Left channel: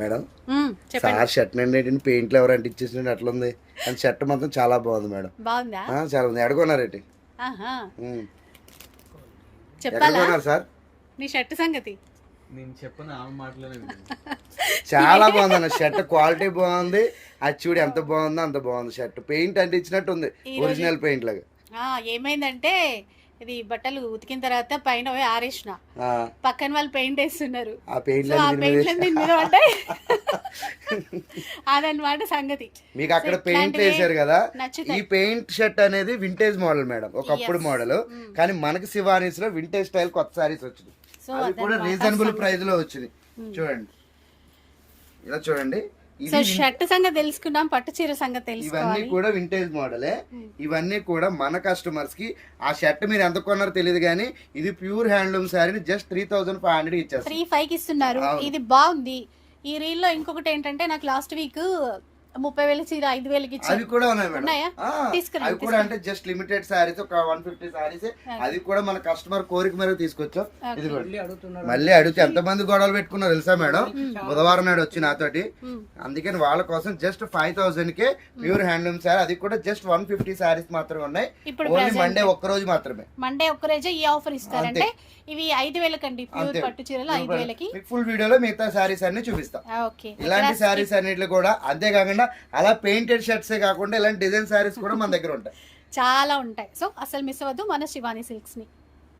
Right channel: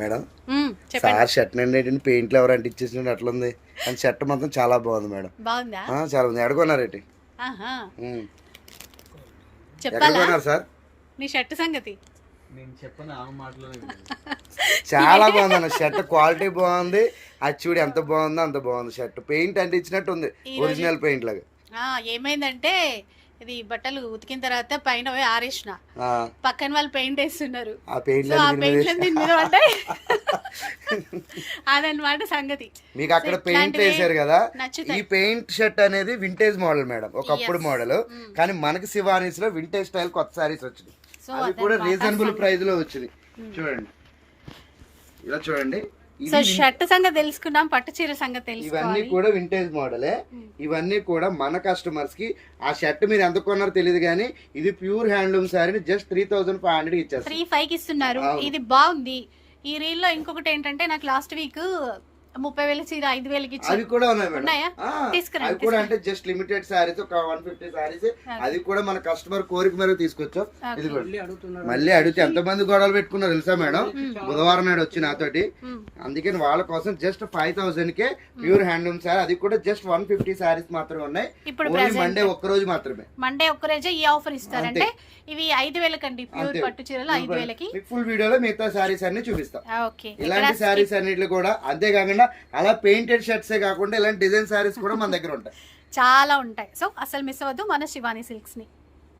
Madam sir shirt నుండి పెయింట్లు ఎవరు అంటించేసినట్టు అట్లా ఉంది కానీ షర్ట్ మాత్రం చాలా బాగుంది మేడం. బాగుందా? చాలా ఉంది. ఎడగొన్నారేంటి? చెప్పాలా సార్ నీ షర్ట్ సంగతి? నేను చెప్పను ఆ మాటలోనే. చాలా బాగుంది అన్న షర్ట్, క్వాలిటీ బాగుంది. అది చూడు ఎంత బాగుందో అంత బాగుంది షర్ట్. పెయింట్ అంటించినట్టు ఉంది, ఒరిజినల్ పెయింట్ లాగా. ఏమైందంటే ఇది బట్టలు ఉతికిన తర్వాత పైన పోయి ఆరేసిన, పక్కన వాళ్ళు పెయింట్ వేస్తున్నారు. ఆ పెయింట్ అదనమాట సంగతి. మీకు అక్కడ పెయింట్ వేసారు కదా, ఈ పెయింట్ షర్ట్ అనేది వింటేజ్ మోడల్ మేడం, ఒకప్పుడు మోడల్. కానీ మనకి శివానీస్ లో వింటేజ్ స్టైల్ కొత్త సారీస్ వచ్చింది, అది కూడా రీజనబుల్ ప్రైస్ లో వచ్చింది. చూడండి ఇలా చూడండి. సో షర్ట్ సంగతి తెలుసుకున్నాం, పట్టు చీర సంగతి తెలుసుకున్నాం. ఇవన్నీ కూడా వింటేజ్ మోడలే. ఇవన్నీ కూడా మన కస్టమర్స్ కి ఆ షర్ట్ మీరు ఎంత కొన్నారో తెలియదు కానీ ఇది ప్యూర్ హ్యాండ్లూమ్ శారీని జస్ట్ 3500 ఇచ్చారు. 3500 ఇస్తున్నారు. ఇది బాగుంది. ఈ రీల్ లో ఇంకొకటి ఏంటంటే నాకు లాస్ట్ వీక్ 30,000 చీర 5,000కి ఇచ్చారు. అవి కూడా ఉన్నాయి మేడం. అవి కూడా అంటే జస్ట్ లిమిటెడ్ సారీస్, ఒక 150 సారీస్. అది కూడా మన కస్టమర్ కోరిక మేరకు తీసుకొచ్చాం. ఇది మళ్ళీ అడిగితే ఎంత మంది గొడవలు పెట్టుకున్నారు తెలుసా మేడం? బుధవారం నాడు వచ్చి నాతోటి. అందుకని వాళ్ళ కోసం జస్ట్ 5,000 కే ప్యూర్ హ్యాండ్లూమ్ సారీ, అది కూడా జస్ట్ 150 సారీస్ మాత్రమే ఉన్నాయి. ఇప్పుడు మండే ఒక్క రోజు మాత్రమే, మండే ఒక్క రోజే ఈ ఆఫర్ ఇస్తారంటే. ఇవి 5,000 కండి, ప్యూర్ పట్టు చీరలు 5,000కి. ఫుల్ వీడియోలో మిగతా సారీస్ అన్ని చూపిస్తాం. ఇలాంటి సారీస్ అన్నిట్లు కూడా అంతేకాకుండా అలా పెయింటెడ్ షర్ట్స్ కాకుండా ఇలాంటి డిజైన్ సారీస్ కూడా మన దగ్గర ఉంటాయి, చాలా ఉంటాయి. సో అసలు మిస్ అవ్వద్దు మన శివాని సిల్క్స్ ని.